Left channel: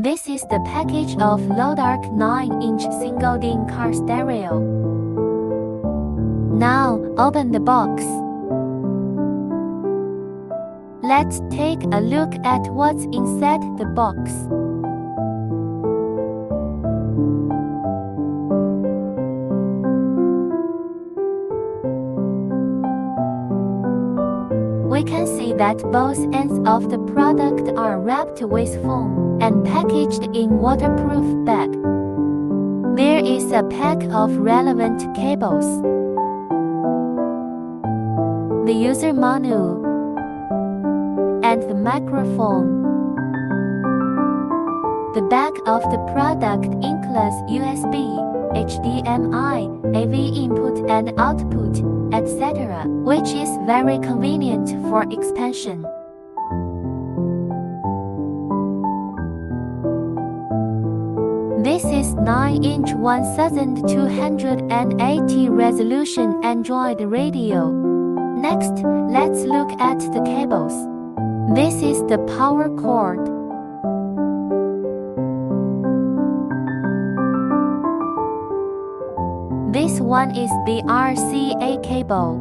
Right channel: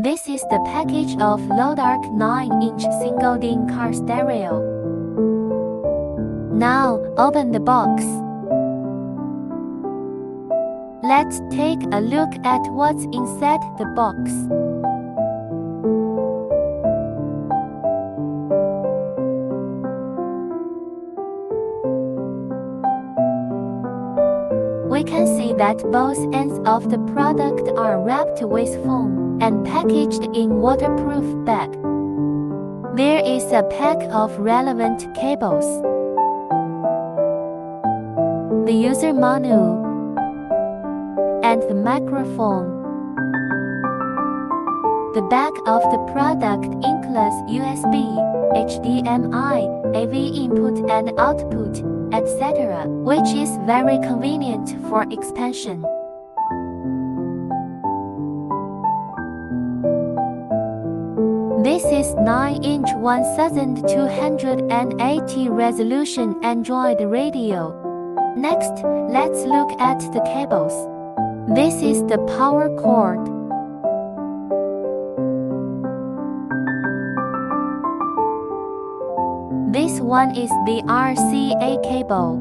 This is the package of LODARK 9-inch single-DIN car stereo. Now, open the box. Let's take a look at what's inside the box. We can see that both ends of the product are wrapped with foam and packaged in waterproof bag. There is a pack of relevant cables, the user manual, and the microphone. The back of the product includes USB, HDMI, AV input and output, etc., which is very convenient for expansion. This is 9-inch 1280 resolution Android radio. Next, let's look at the cables. This is the power cord. This one is the RCA cable.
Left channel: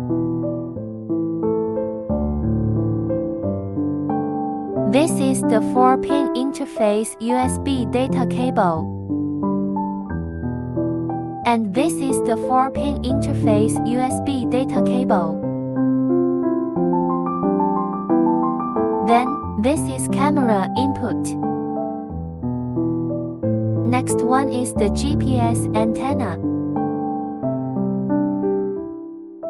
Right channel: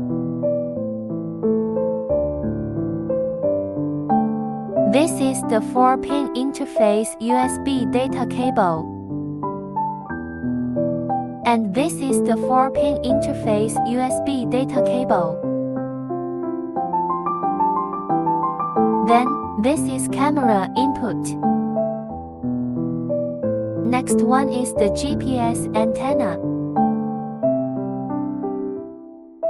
This is the 4-pin interface USB data cable. And this is the 4-pin interface USB data cable. Then, this is camera input. Next one is the GPS antenna.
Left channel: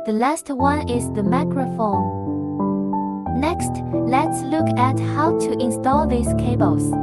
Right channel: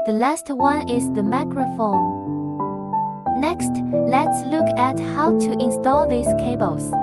The last one is the microphone. Next, let's look at how to install these cables.